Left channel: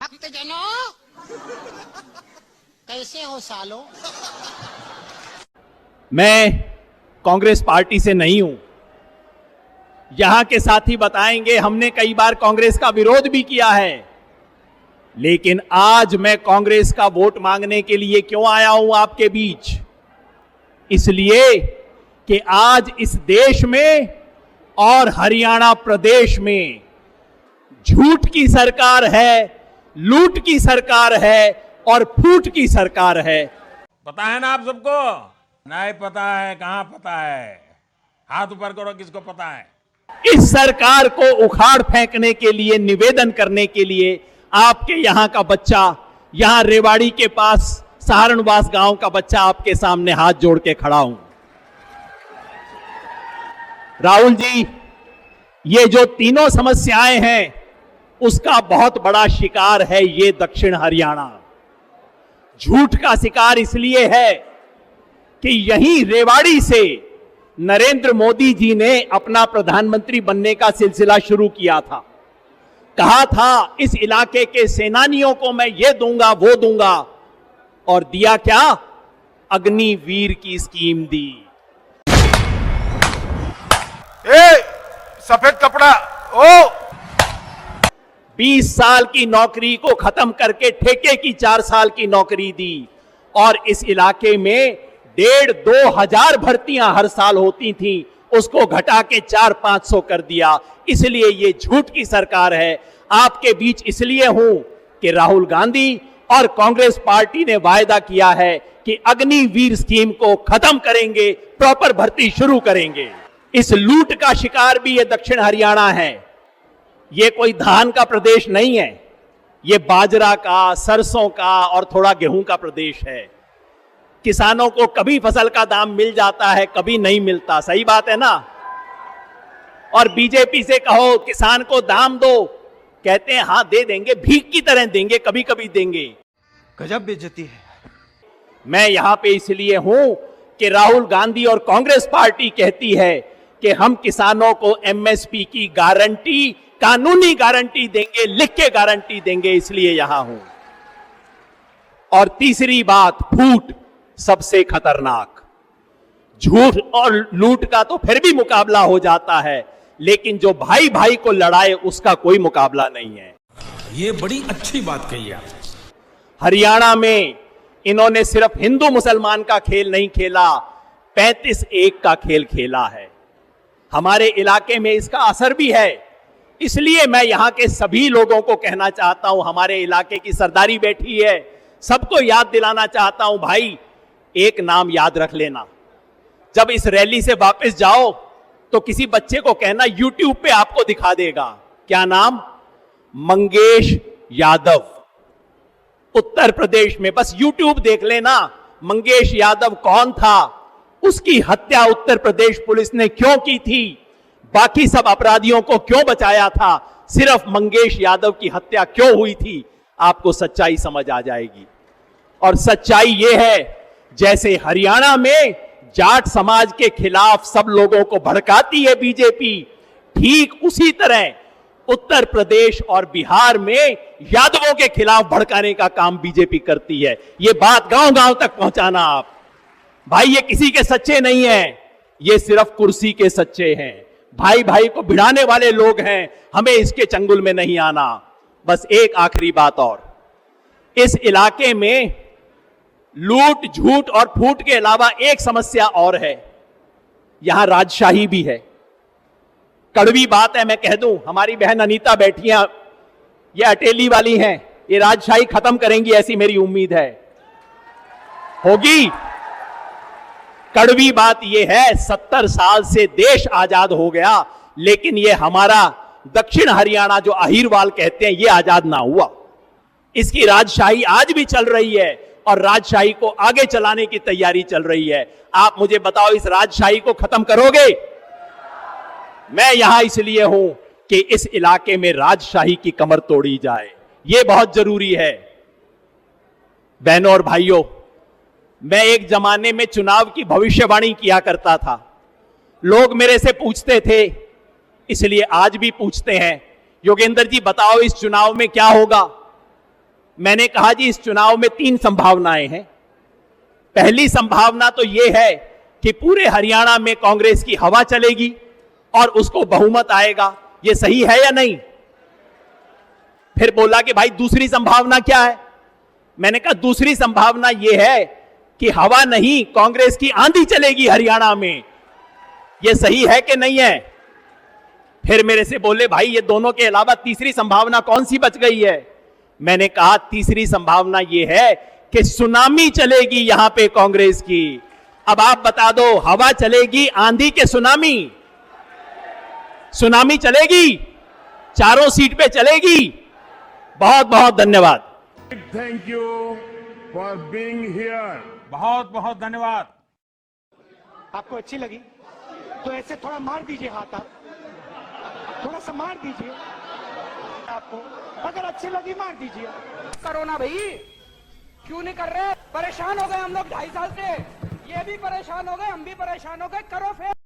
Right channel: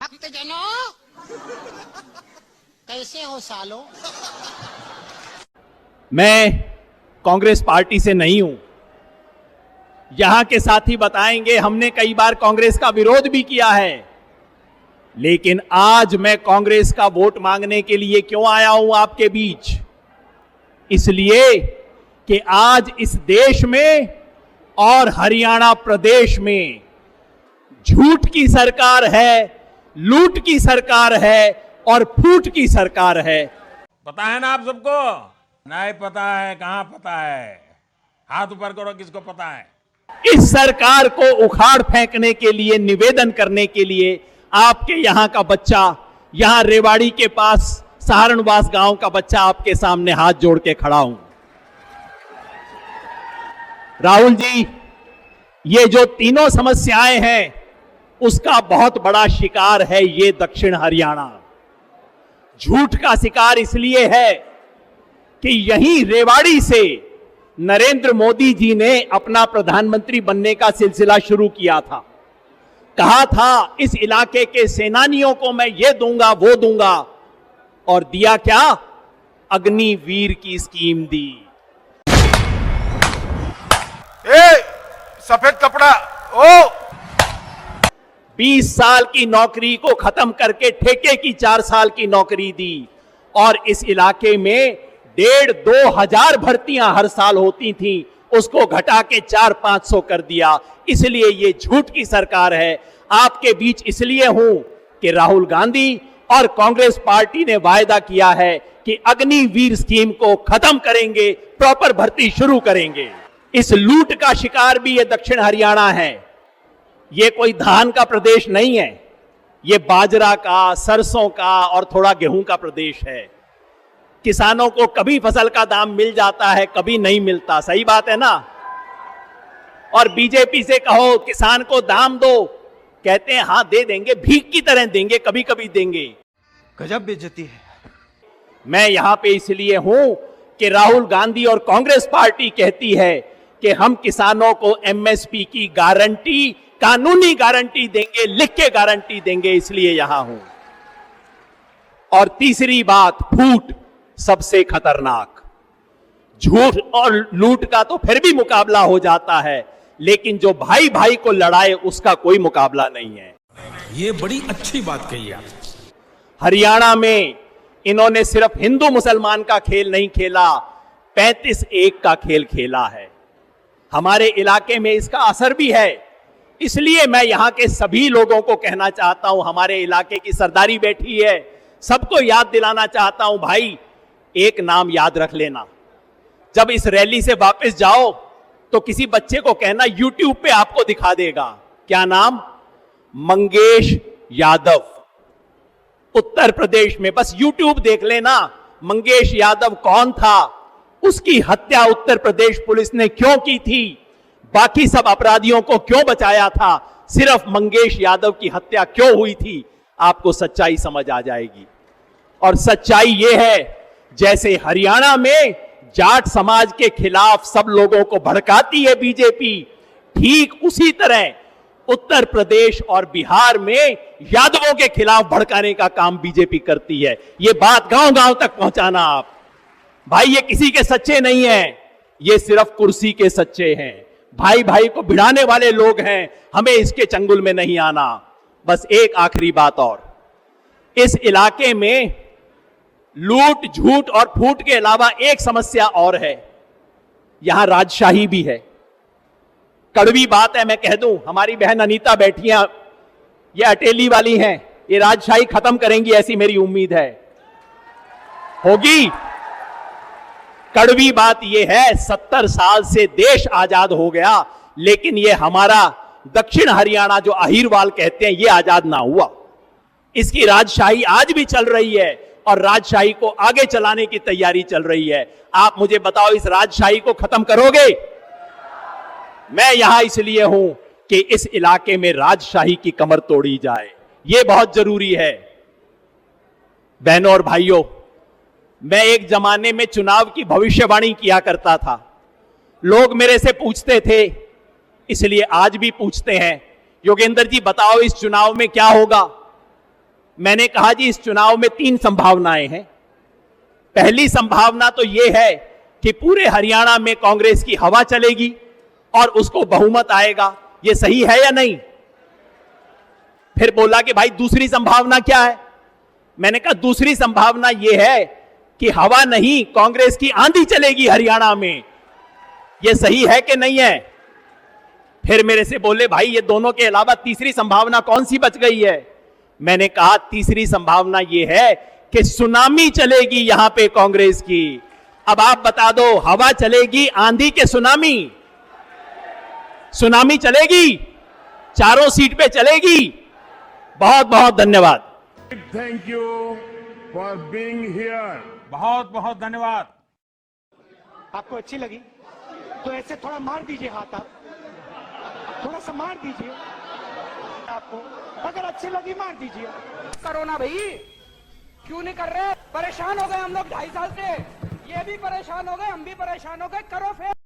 भक्तजनों, कैसे हो सालो? मैं कांग्रेस पार्टी से नहीं हूं। यहां के साथी बताएंगे हमने कई बार कांग्रेस का विरोध भी किया है, लेकिन आज मैं कांग्रेस का वोट मांगने के लिए क्यों आया हूं आपके बीच? इसलिए कि आज इस देश में और हरियाणा प्रदेश में झूठ की सरकार है, लूट की सरकार है और फूट की सरकार है। पता है ना आप सबको? नहीं पता है? कहां पता है? हाथ ऊपर करो, किसको पता है? इस सरकार को उखाड़ फेंकने के लिए, निवेदन करने के लिए आपके यहां का बच्चा, यहां रेवाड़ी के पास सहारणवास गांव का बच्चा आपके सामने हाथ जोड़ के खड़ा हूं। राहुल जी, ये जो तीनों समस्याएं हैं उसका बहुत बड़ा शिकार है ये दक्षिण हरियाणा। झूठ का शिकार इसलिए है कि यहीं रेवाड़ी से नरेंद्र मोदी जी ने अपना प्रधानमंत्री बनने का सिलसिला शुरू किया था। कहा था इस इलाके के सेनानियों को मैं ये दूंगा वो दूंगा, और दिया क्या? अग्निवीर की स्कीम दी। सफेद कपड़ा ओ 20 साल की नौकरी को खत्म करके ठेके की 4 साल की नौकरी दी, और इस इलाके में 1,500-2 हजार भर्तियां हर साल होती थी, उसको घटा के 400-500 कर दिया। इसलिए ये झूठ की सरकार है। आपके बीच इसलिए हूं कि राहुल गांधी और कांग्रेस पार्टी ने वायदा किया है कि अग्निवीर स्कीम को खत्म करेंगे, प्रॉपर भर्ती शुरू करेंगे। इस लूट का शिकार भी ये दक्षिण हरियाणा है। ये कोई धान का प्रदेश नहीं है, ये बाजरा का, सरसों का और थोड़ा गेहूं का प्रदेश है। किसानों को कभी फसल का दाम मिल जाता है, कभी नहीं मिलता। सही बात है ना? और बीजेपी से कहो किसान को दाम दो, कहते हैं हां दे देंगे, भीख की तरह देंगे, कभी कभी देंगे। गजब बेइज्जती है। मैं यहां पे इसलिए हूं कि राहुल गांधी और कांग्रेस पार्टी कहती है कि हम किसानों को एमएसपी की गारंटी, कानूनी गारंटी देंगे, लिख के गारंटी देंगे, इसलिए यहां हूं। और तीसरी बात, फूट सबसे खतरनाक। झूठ और लूट का तो फिर भी मुकाबला हो जाता है, लेकिन जो भाई भाई को लड़ाए उसका कोई मुकाबला नहीं है। ये बड़ी अच्छी बात कही आप। हरियाणा में इन्होंने सिर्फ हिंदू मुसलमान का खेल नहीं खेला, 35-1 का खेल खेला है। हमारे इलाके में इसका असर भी है। इसलिए मैं यहां के सभी लोगों को कहना चाहता हूं, हमारे इलाके की सरदारी बैठी है, सबको याद दिलाना चाहता हूं, भाई एक नाम याद रख लेना। जब इस रैली से वापस जाओ तो किसी बच्चे को कहना, यूट्यूब पे आपको दिखा देगा। क्या नाम? मंगेश यादव। उत्तर प्रदेश में बस यूट्यूब देख लेना, मंगेश यादव कौन था, उसकी हत्या उत्तर प्रदेश पुलिस ने क्यों की थी, बाकी सब अपराधियों को क्यों बचाया था, सिर्फ मंगेश यादव की हत्या क्यों हुई थी, आपको सच्चाई समझ आ जाएगी। और सच्चाई यह है, जैसे हरियाणा में जाट समाज के खिलाफ सब लोगों को भड़काती है बीजेपी, ठीक उसी तरह उत्तर प्रदेश और बिहार में यादवों के खिलाफ भड़काने का काम बीजेपी करती है। ये बात गांव गांव तक पहुंचाना आप। भाई ये किसी के सच्चे नहीं है, ये सिर्फ कुर्सी के सच्चे हैं। भाई भाई को भिड़ाने वाले लोग हैं, हमें इसके चंगुल में नहीं आना। बस एक आखिरी बात और, इस इलाके में लूट, झूठ और फूट के अलावा एक समस्या और है, यहां राजशाही भी है। कड़वी बात है, मैं कह दूं, हमारी बहन अनीता बैठी हैं, ये अटेली वाली हैं, ये राजशाही खत्म करेंगी ऐसी मेरी उम्मीद है। होगी? कड़वी बात यह है, 70 साल से देश आजाद हो गया, लेकिन ये हमारा दक्षिण हरियाणा जो अहीरवाल कहते हैं, ये आजाद ना हुआ। इसकी राजशाही आज भी चल रही है और राजशाही को आगे चलाने की तैयारी चल रही है। आप मुझे बताओ, इस राजशाही को खत्म करोगे? मैं यहां इसलिए हूं कि इस इलाके में राजशाही की कमर तोड़ी जाए, यह बहुत जरूरी है। बहनों और भाइयों, मैं एक जमाने में चुनाव की भविष्यवाणी किया करता था। लोग मेरे से पूछते थे, इसलिए आज भी पूछते हैं, योगेंद्र जी बताओ इस चुनाव में क्या होगा? मैंने कहा जी इस चुनाव में 3 संभावनाएं हैं। पहली संभावना तो यह है कि पूरे हरियाणा में कांग्रेस की हवा चलेगी और उसको बहुमत आएगा। यह सही है या नहीं? फिर बोला कि भाई दूसरी संभावना क्या है? मैंने कहा दूसरी संभावना यह है कि हवा नहीं, कांग्रेस की आंधी चलेगी हरियाणा में। यह सही है कि नहीं है? फिर मेरे से बोले भाई ये दोनों के अलावा तीसरी संभावना कौन सी बच गई है? मैंने कहा तीसरी संभावना यह है कि सुनामी चलेगी यहां पे कांग्रेस की। अब आप बता दो, हवा चलेगी आंधी के सुनामी? सुनामी चलेगी, चारों सीट पे चलेगी। बहुत बहुत धन्यवाद। Thank you for being here. बहुत बहुत धन्यवाद। आपको अच्छी लगी तो ऐसे थोड़ा मार दीजिए हाथ, आप थोड़ा सा मार दीजिए। आपको अगर अच्छी लगी मार दीजिए। करो ना भाई, क्यों नहीं कर रहे? परेशान हो गए हम लोग 2.5 साल से, ये भी परेशान हो गए, हम भी परेशान हो गए। करो फिर।